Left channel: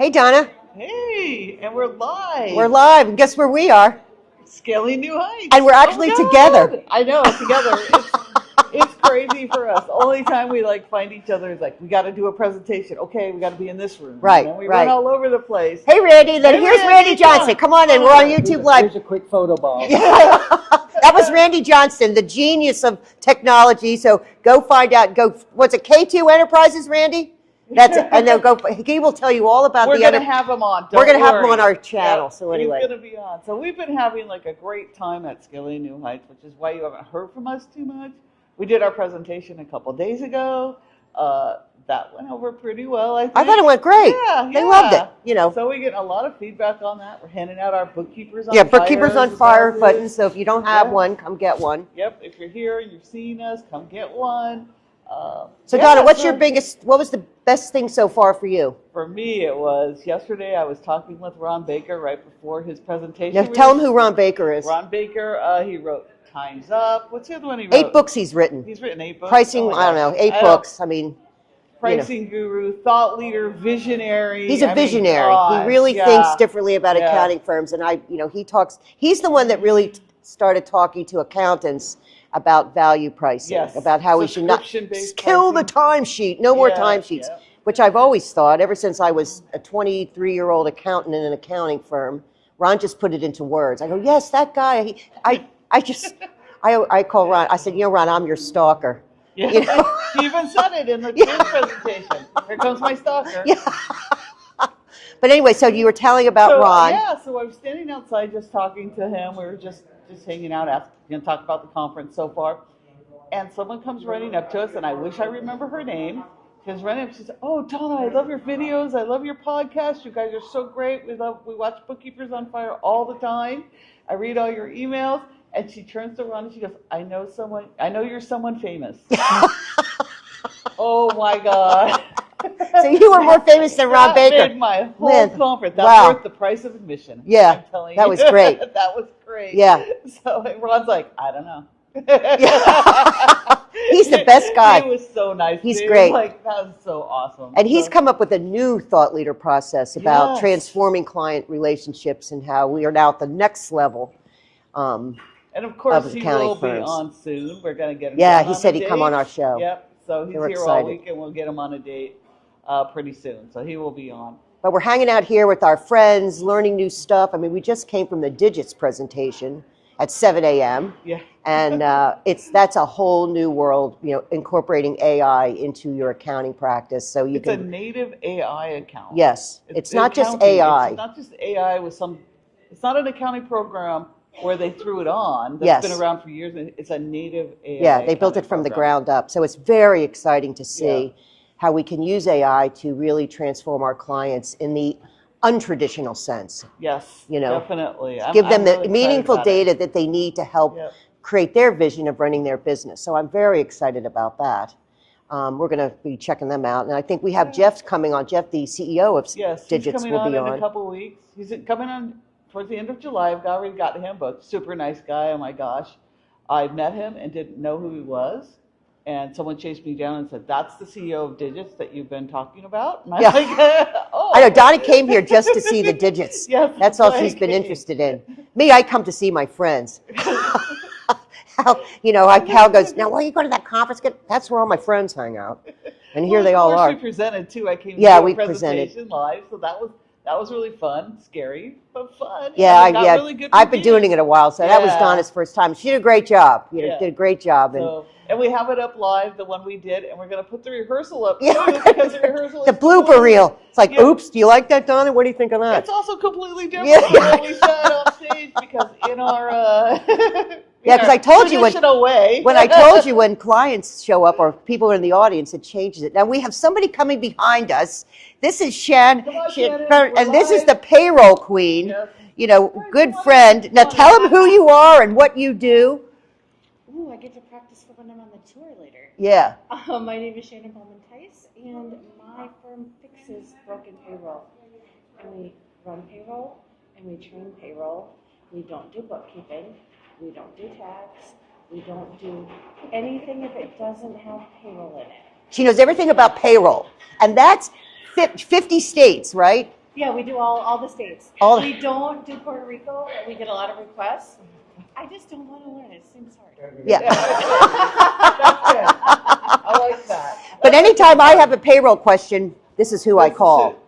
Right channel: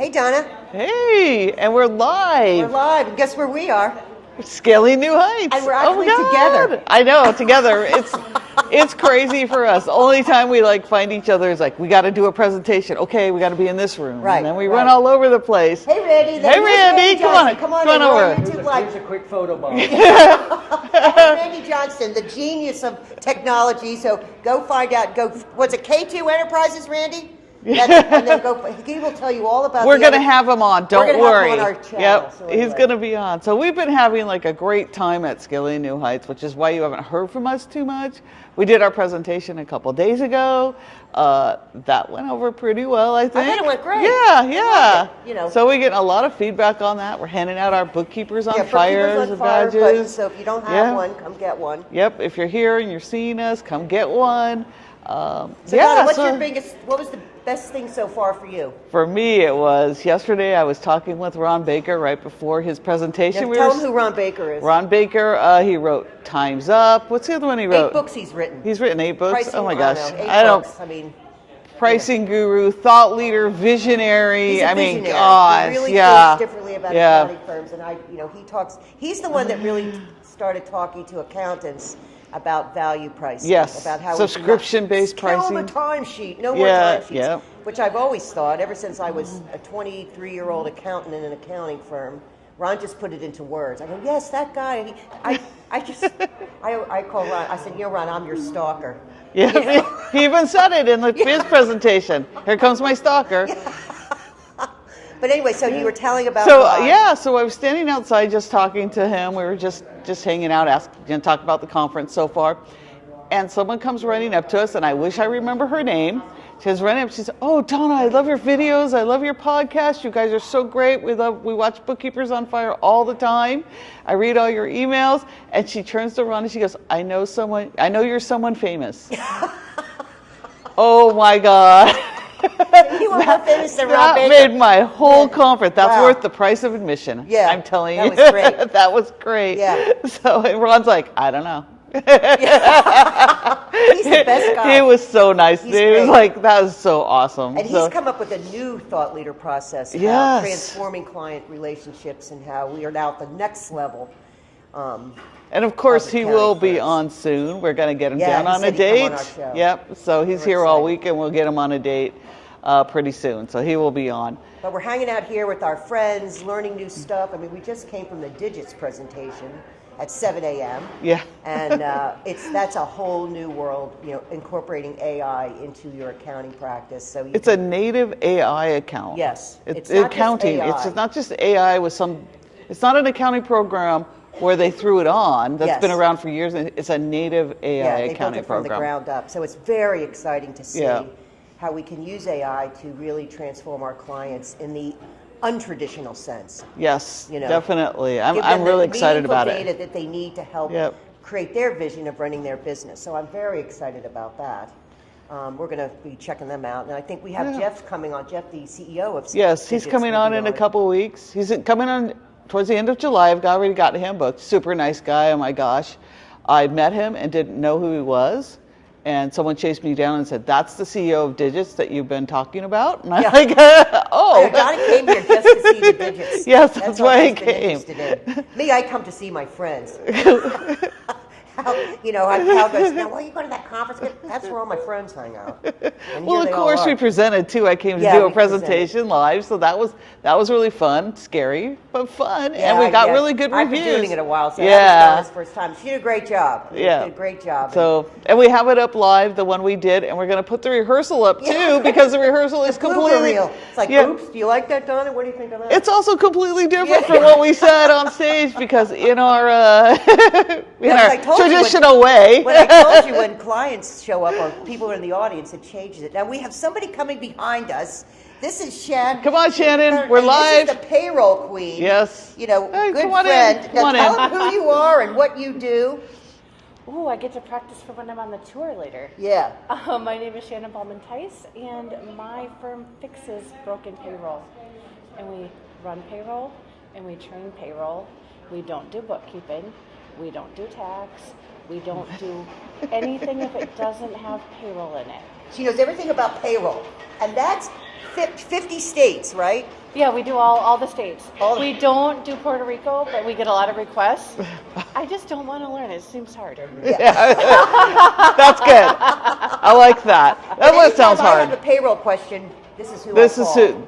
Hey, Donna. Hey, and we're live. We're live, and guess where we are? Scaling new heights. And we're actually together. I know, together. It's crazy for us. The only time we find each other is we got to do a presentation. Okay, we got to be in this room. Right. And then we run all over the place. Hey, Randy. Here's Randy Johnson. Come on in. We're on YouTube Live. Here's a quick photo bomb. That was Randy Johnson, the genius of technology. So go find out. What's it, K2 Enterprises, Randy? And they'll go. He will tell you all about. We're going to have him on. Don't worry. We're going to have him on our channel. Yep. So anyway. He's going to be on. So we've been having a great time at Scaling New Heights, which is why you haven't heard from us too much. We did our presentation a couple days ago. That went over pretty well, I think. I thought it went great. Yeah. I loved it. So we get a lot of feedback on that. We're handing out our Bookkeepers on Fire. Yeah, Bookkeepers on Fire badges. buttons. So if you don't have one, come get one. Yep. If you're here and you're seeing us, come get one. Donna, what was the best thing so far for you? For me, it was yesterday I was talking with Ron Baker right before his presentation. Now, tell him who Ron Baker is. Ron Baker, he wrote Time's Up. What's the other one he wrote? 8 books he's written. He's written 8 books? Pricing, oh my gosh. I don't know, 8 books. I mean, pricing guru, thought leader, visionary. He's a visionary. He really thinks differently about accounting firms. And he's the one that really started talking to accountants about value pricing. Yes. About how we should not kill the timesheet. No more timesheets. Which I've always thought, ever since I was a 23-year-old accountant in an accounting firm. Ron just put it into words. I go, yes, that guy. I call Ron. I said, Ron, I'm your stalker. Yeah, he even said it in his presentation. Here comes my stalker. Yeah. But anyway, so you were telling about Ron. Yeah, so I was standing outside just talking to him. We were just hanging out, talking about the conference so far. And someone comes running up to us, and I wish I remember her name. She's running up, she says, oh, Donna, I love your videos. I love your podcast. You guys are so great. We watch Bookkeepers on Fire all the time. I read all your emails. And she turns to Ron and she goes, I know you're someone famous. Oh my God. So you were more famous than Ron Baker. That made my whole conference. That's worth the price of admission. Yeah, I'm telling you. That was great. That was great. Yeah. So Ron's like, I don't know. He's the best guy. He was so nice. He's dude. great. That was so awesome. And he's come up with a new thought leader process about transforming client relationships and how we are now at the next level. And of course, he will be on soon. We're going to get him down on a date. Yeah, he said he'd come on our show. Yep. So he's here all week, and we'll get him on a date pretty soon. So he will be on. But we're hanging out here with our friends, learning new stuff. I mean, we just came from the Digits presentation at 7 a.m. Yeah. And that's a whole new world, incorporating AI into your accounting practice. So it's a native AI account. Yes. It's not just AI. It's not just AI it's not an accounting program where they threw it on. That's been around for years. And it's a native AI Yeah, they built it from the ground up. So it's very exciting to see how we can use AI to really transform our clients in the untraditional sense. Yes, definitely. Give them really the meaningful data that they need to help create their vision of running their business. So I'm very excited about that. We're going to be checking them out. And I think we have Jeff coming on. Jeff, the CEO of Yes, he's coming on in a couple weeks. He's coming on towards the end of July. I've already got him booked. Super nice guy. Oh my gosh. I met him and didn't know who he was. And someone chased me down and said, that's the CEO of Digits that you've been talking about? And I'm like, oh. I know, Donna came here just to see the Digits. Yes, that's all she's been interested in. Me, I come to see my friends. Hal goes, now, why are you going to that conference? That's where all my friends hang out. And here they all are. Of course, we presented, too. I came to do a presentation live, so that was really fun, scary, but fun. Yeah, and we got really good reviews. I've been doing it a while, so that was Donna's first time. She did a great job. She did a great job. So, and we have it up live, the one we did, and we're going to put the rehearsal up, too, because the rehearsal is completely... The blooper reel. It's like, oops, do you like that, Donna? What do you think of that? It's also completely different from what we said on stage, because in our traditional way. What I told you, when clients show up or people are in the audience, it changes it. Now, we have somebody coming behind us. This is Shannon. Come on, Shannon. We're live. This is the payroll queen. Yes. Good friend. Now, tell them who you are and what you do. Oh, I get to practice for when I'm on the tour later. Yeah. My name is Shannon Ballman-Tice, and my firm fixes broken payroll. And we run payroll, and we train payroll. We don't do bookkeeping. We don't do tax. We don't do anything if it doesn't have payroll in it. She knows everything about payroll. And that's 50 states, right? Yeah, we do all the states. We don't do Puerto Rico, but we get a lot of requests. I just don't want to learn it. It seems hard. Yeah. That's good. I like that. But anytime I have a payroll question, this is who I call.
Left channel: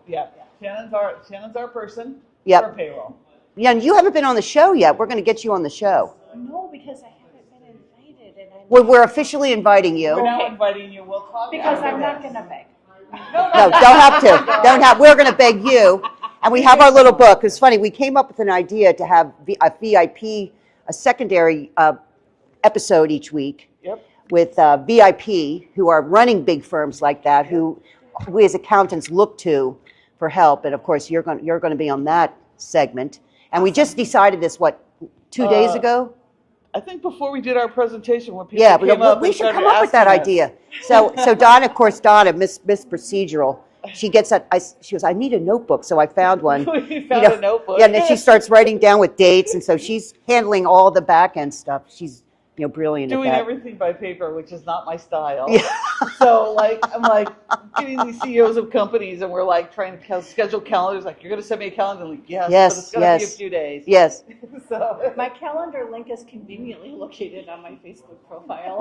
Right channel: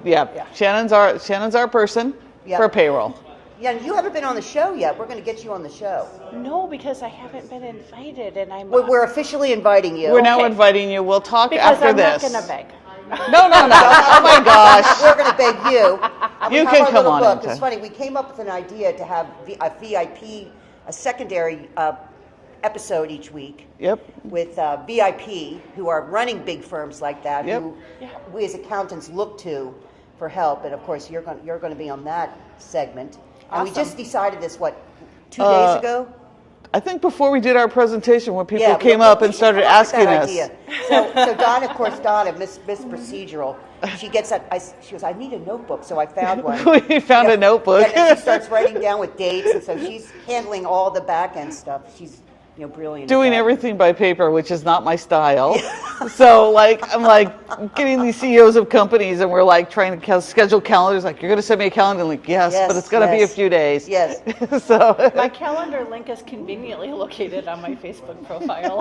Shannon's our person Yep. for payroll. Yeah, and you haven't been on the show yet. We're going to get you on the show. No, because I haven't been invited, and I'm. Well, we're officially inviting you. We're now inviting you. We'll talk because after I'm this. not going to beg. No, don't have to. Oh my gosh. We're going to beg you. And we You have can our little come on book. in, It's funny. We came up with an idea to have a VIP, a secondary episode each week. Yep. With VIP who are running big firms like that, Yep. who we as accountants look to for help. And of course, you're going to be on that segment. And we just decided this, 2 days ago? I think before we did our presentation, when people Yeah, came up and started asking that us. idea. So Donna, of course, Miss Procedural, she gets that. She goes, I need a notebook, so I found one. We found a notebook. Yeah, and then she starts writing down with dates, and so she's handling all the back end stuff. She's brilliant. Doing at that. everything by paper, which is not my style. So I'm getting these CEOs of companies, and we're like trying to schedule calendars. Like, you're going to send me a calendar? I'm like, yes, but it's going to be a few days. Yes. So my calendar link is conveniently located on my Facebook profile.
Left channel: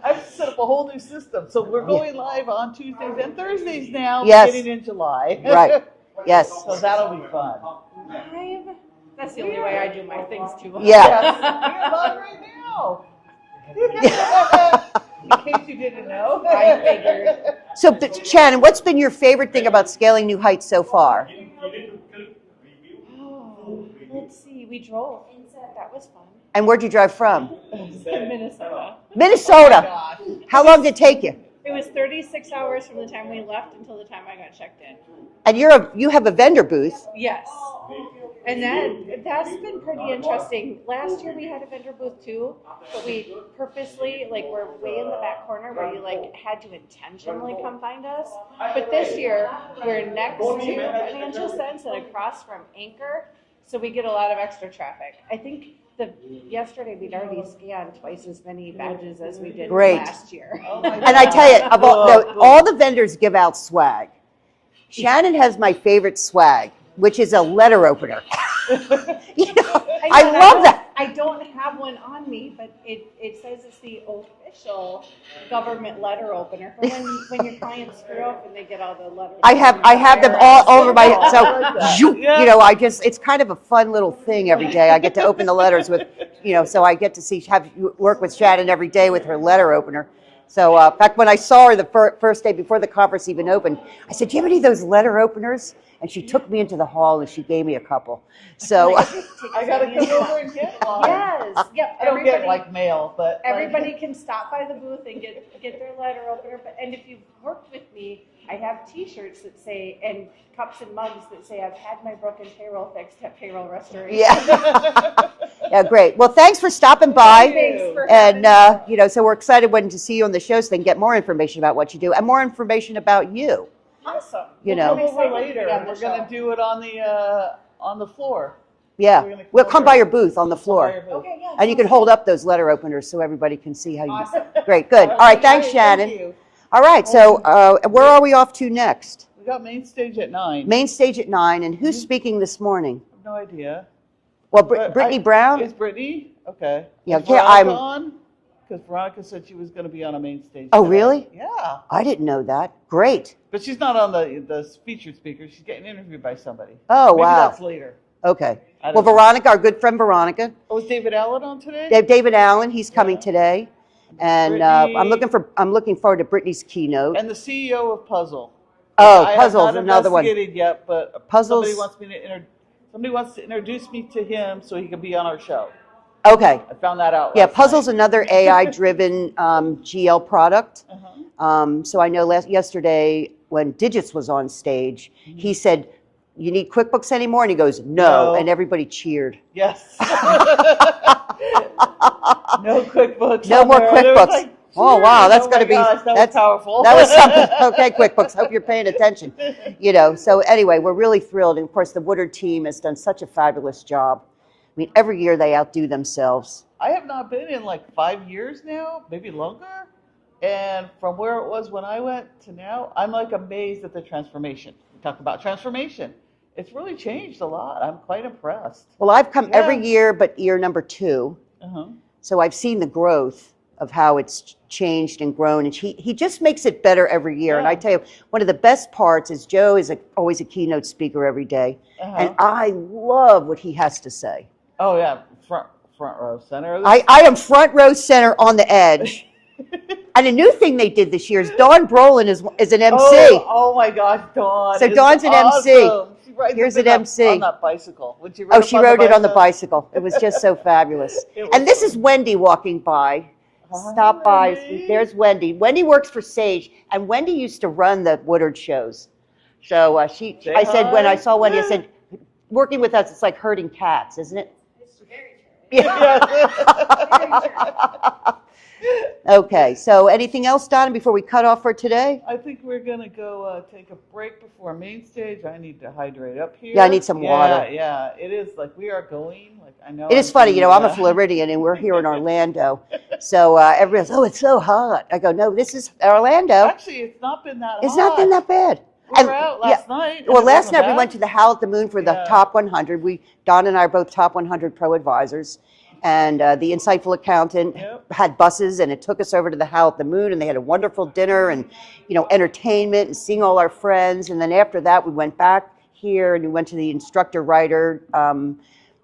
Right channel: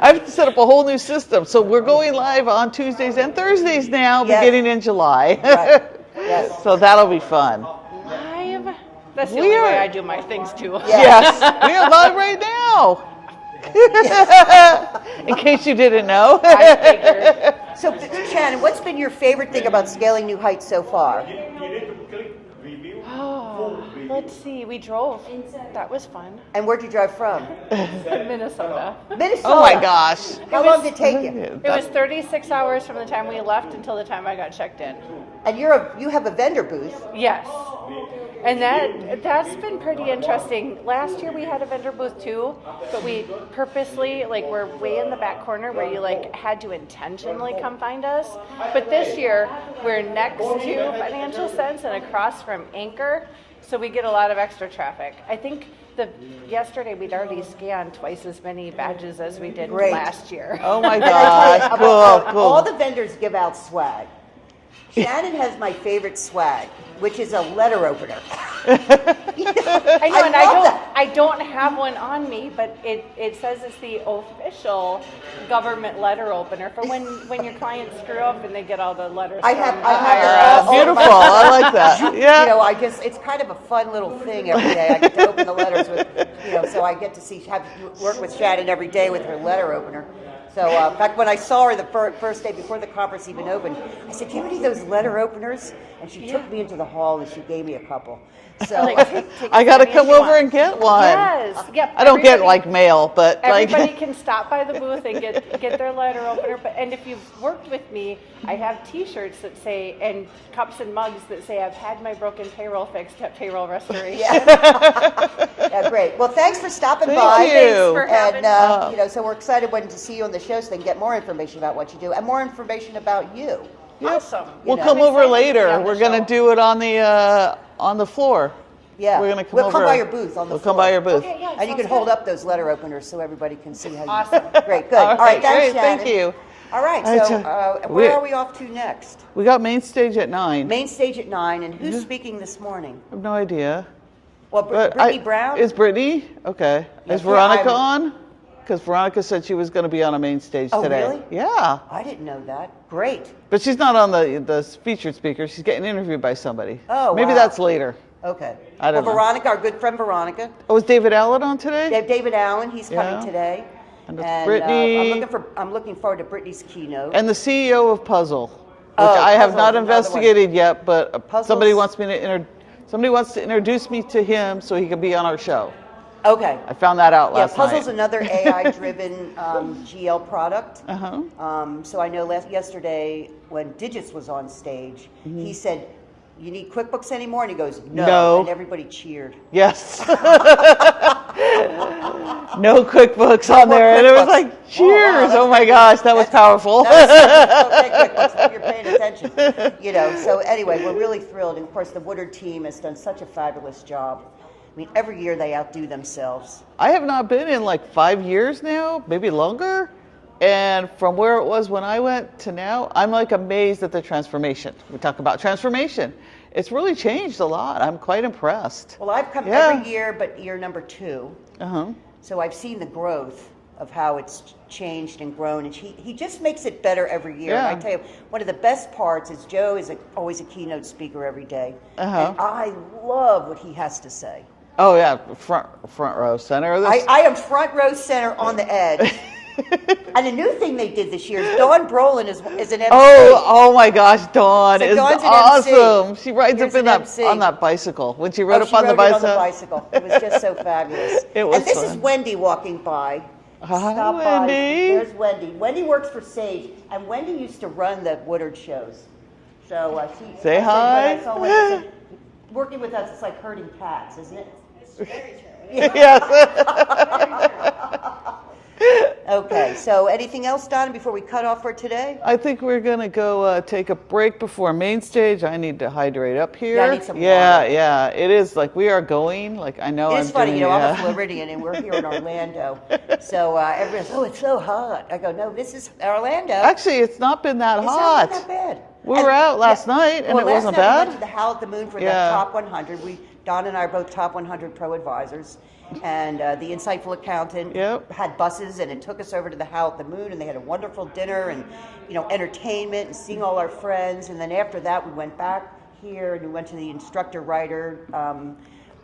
I have to set up a whole new system. So we're going live on Tuesdays and Thursdays now, beginning in July. Right. Yes. So that'll be fun. That's the only way I do my things too. Yes. We are live right now. In case you didn't know. So, Shannon, what's been your favorite thing about Scaling New Heights so far? Oh, let's see. We drove. That was fun. And where'd you drive from? Minnesota. Minnesota. Oh my gosh. How long did it take you? It was 36 hours from the time we left until the time I got checked in. And you have a vendor booth. Yes. And that's been pretty interesting. Last year we had a vendor booth too, but we purposely, we're way in the back corner where you had to intentionally come find us. But this year we're next to Financial Sense and across from Anchor, so we get a lot of extra traffic. I think yesterday we'd already scanned twice as many badges as we did last year. Oh my God. And I tell you, all the vendors give out swag. Shannon has my favorite swag, which is a letter opener. I love that. I don't have one on me, but it says it's the official government letter opener for when your clients screw up and they get all the letters. I have them all over my. I like that. It's kind of a fun little thing every day. I get to open the letters with, so I get to work with Shannon every day with her letter opener. So, in fact, when I saw her the first day before the conference even opened, I said, do you have any of those letter openers? And she took me into the hall and she gave me a couple. So I got to come over and get one. Yes. Yep. I don't get mail, but everybody can stop by the booth and get their letter opener. And if you've worked with me, I have T-shirts that say, and cups and mugs that say, I've had my broken payroll fixed at Payroll Restoration. Yeah, great. Well, thanks for stopping by. Thanks for having me. So we're excited to see you on the show so they can get more information about what you do and more information about you. Awesome. We'll come over later. We're going to do it on the floor. Yeah, we'll come by your booth on the floor. Come by your booth. Okay, and you can hold up those letter openers so everybody can see how you. Awesome. Great, good. All right, thanks, Shannon. Thank you. All right, so where are we off to next? We got main stage at 9. Main stage at 9, and who's speaking this morning? I have no idea. Well, Brittany Brown. Is Brittany? Okay. Yeah, is Veronica on? Because Veronica said she was going to be on a main stage today. Oh, really? Yeah. I didn't know that. Great. But she's not on the featured speaker. She's getting interviewed by somebody. Oh, Maybe wow. that's later. Okay. I don't Well, know. Veronica, our good friend Veronica. Oh, is David Allen on today? David Allen, he's coming today. And Brittany. I'm looking forward to Brittany's keynote. And the CEO of Puzzle. Oh, I have Puzzle's not another one. investigated yet, but Puzzle's- somebody wants to introduce me to him so he can be on our show. Okay. I found that out Yeah, last Puzzle's night. another AI-driven GL product. Uh-huh. So I know yesterday when Digits was on stage, he said, "You need QuickBooks anymore?" And he goes, "No," and everybody cheered. Yes. No QuickBooks No on more there. And it was QuickBooks. like, Oh, wow, cheers. Oh my gosh, that was powerful. That was something. Okay, QuickBooks, hope you're paying attention. So anyway, we're really thrilled. And of course, the Woodard team has done such a fabulous job. I mean, every year they outdo themselves. I have not been in like 5 years now, maybe longer. And from where it was when I went to now, I'm like amazed at the transformation. We talk about transformation. It's really changed a lot. I'm quite impressed. Well, I've come every year but year number 2. Uh-huh. So I've seen the growth of how it's changed and grown, and he just makes it better every year. And I tell you, one of the best parts is Joe is always a keynote speaker every day, and I love what he has to say. Oh yeah, front row center. I am front row center on the edge. And a new thing they did this year is Dawn Brolin is an MC. Oh my gosh, Dawn So is Dawn's an awesome. MC. She rides Here's up an MC. on that bicycle. When she rode She rode it on the bicycle. It was just so fabulous. It was And this fun. is Wendy walking by. Hi, Stop by. Wendy. There's Wendy. Wendy works for Sage, and Wendy used to run the Woodard shows. So I said when I saw Wendy, I said, working with us, it's like herding cats, isn't it? It's very true. Okay, so anything else, Donna, before we cut off for today? I think we're gonna go take a break before main stage. I need to hydrate up here. Yeah, I need some water. Yeah, it is like we are going. Like I know. It is funny, I'm a yeah. Floridian, and we're here in Orlando. So everybody's, oh, it's so hot. I go, no, this is Orlando. Actually, it's not been that hot. It's not been that bad. We were out last night. And Well, it last wasn't night bad. we went to the Howl at the Moon for the top 100. Donna and I are both top 100 pro advisors. And the Insightful Accountant had buses, and it took us over to the Howl at the Moon, and they had a wonderful dinner and, entertainment and seeing all our friends. And then after that, we went back here and we went to the Instructor Writer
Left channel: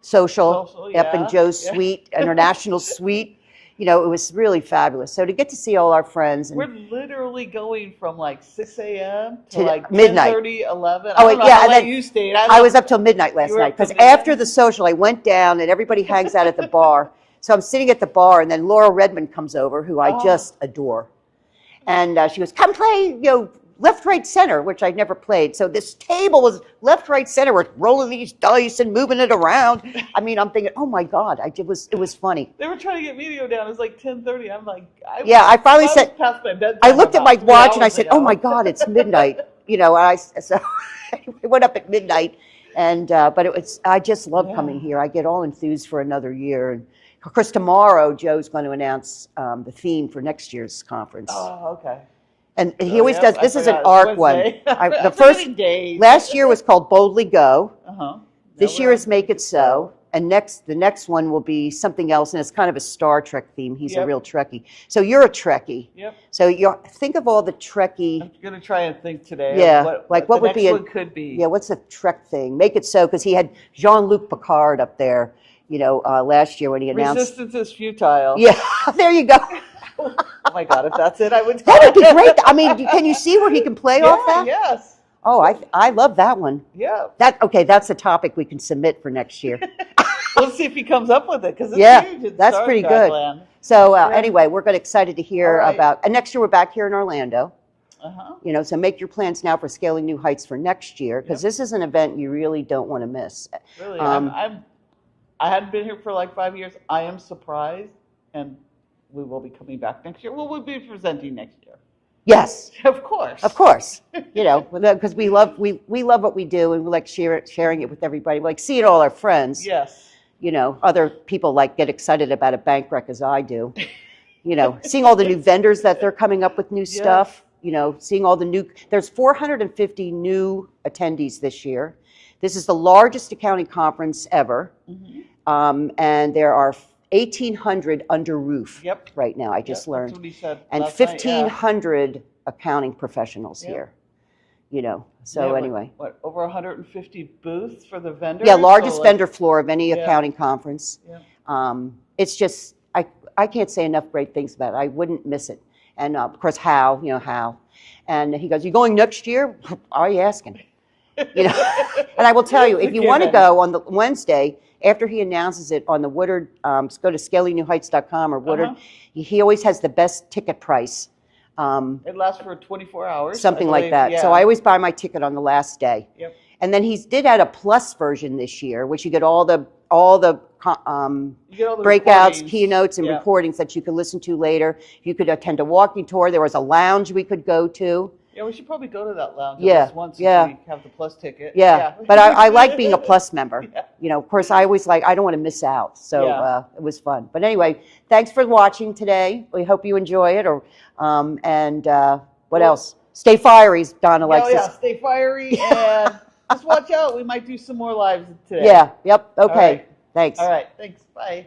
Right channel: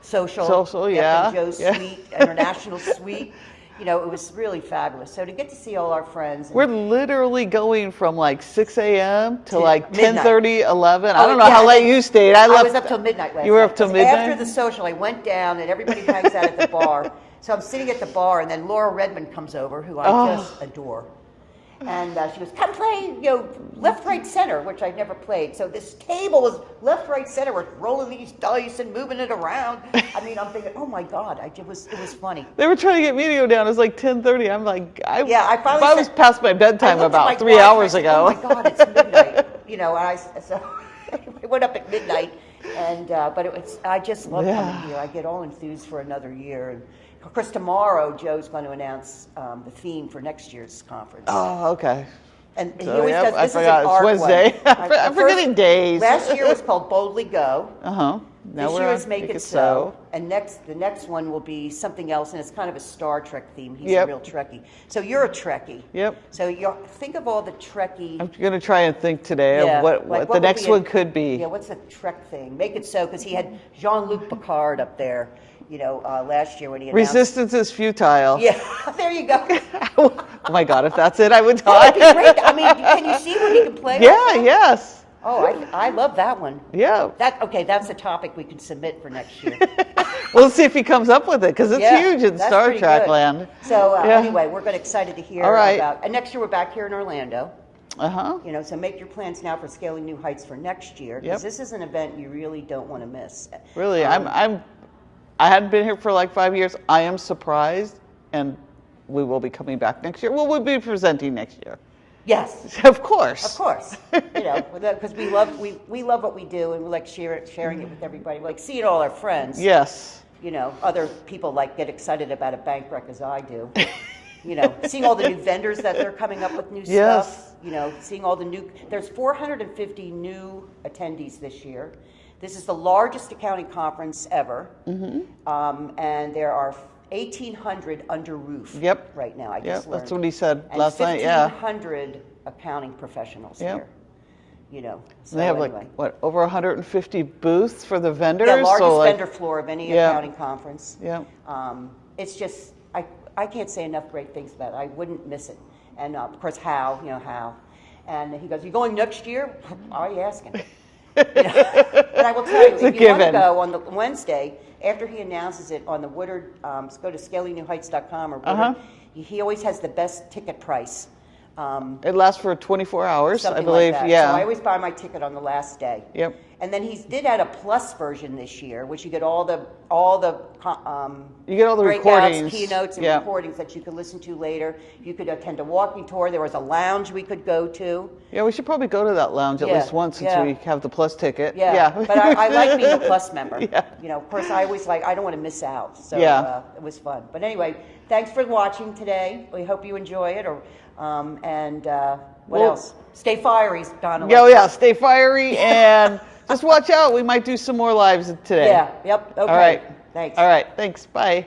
Social up in Joe's Suite, International Suite. It was really fabulous. So to get to see all our friends. We're literally going from like 6 a.m. to like midnight. 10:30, 11. I don't know how late you stayed. I was up till midnight last You were night. up till 'Cause after midnight? the social, I went down and everybody hangs out at the bar. So I'm sitting at the bar, and then Laura Redmond comes over, who I just adore. And she goes, come play, left, right, center, which I'd never played. So this table was left, right, center. We're rolling these dice and moving it around. I mean, I'm thinking, oh my God, it was funny. They were trying to get me to go down. It was like 10:30. I'm like, I finally I was said, past my bedtime. I looked at my about 3 watch and I hours said, ago. oh my God, it's midnight. And so I went up at midnight. And but I just love coming here. I get all enthused for another year. And of course, tomorrow Joe's going to announce the theme for next year's conference. Oh, okay. And he always does. This is an forgot, arc it's one. Wednesday. The I'm forgetting days. Last year was called Boldly Go. Uh-huh. This year is Make It So. And the next one will be something else, and it's kind of a Star Trek theme. He's a real Trekkie. So you're a Trekkie. Yep. So think of all the Trekkie. I'm going to try and think today of what the next one could be. Yeah, what's the Trek thing? Make It So, because he had Jean-Luc Picard up there, last year when he announced. Resistance is futile. Yeah, there you go. Oh my God, if that's it, I would That would be great. I mean, can you see where he can play off that? Yes. Oh, I love that one. Yeah. That's a topic we can submit for next year. We'll see if he comes up with it, because it's huge in that's Star pretty Trek good. land. So anyway, we're excited to hear All right. about. And next year we're back here in Orlando. Uh-huh. So make your plans now for Scaling New Heights for next year, because this is an event you really don't want to miss. Really, I hadn't been here for like 5 years. I am surprised, and we will be coming back next year. Well, we'll be presenting next year. Yes, Of course. of course. Because we love what we do, and we like sharing it with everybody. We like seeing all our friends. Yes. Other people get excited about a bank rec as I do. Seeing all the new vendors that they're coming up with new stuff. Seeing all the there's 450 new attendees this year. This is the largest accounting conference ever. Mm-hmm. And there are 1,800 under roof right now. I just learned. That's what he said and last night. 1,500 accounting professionals here. So They have anyway. over 150 booths for the vendors? Yeah, largest vendor floor of any accounting conference. Yeah. It's just, I can't say enough great things about it. I wouldn't miss it. And of course, Hal. And he goes, you going next year? Are you asking? But I will tell you, if you want to go on the Wednesday, after he announces it on the Woodard, go to scalingnewheights.com or Woodard, he always has the best ticket price. It lasts for 24 hours. Something I like believe. that. Yeah. So I always buy my ticket on the last day. Yep. And then he did add a plus version this year, which you get all the You get all the breakouts, recordings. keynotes, and recordings that you could listen to later. You could attend a walking tour. There was a lounge we could go to. Yeah, we should probably go to that lounge at least once since we have the plus ticket. Yeah. But I like being a plus member. Yeah. Of course, I always I don't want to miss out. So it was fun. But anyway, thanks for watching today. We hope you enjoy it. Or And what Well- else? Stay fiery, Donna. Oh likes yeah, to- stay fiery and just watch out. We might do some more lives today. Yeah. Yep. Okay. All right. Thanks. All right. Thanks. Bye.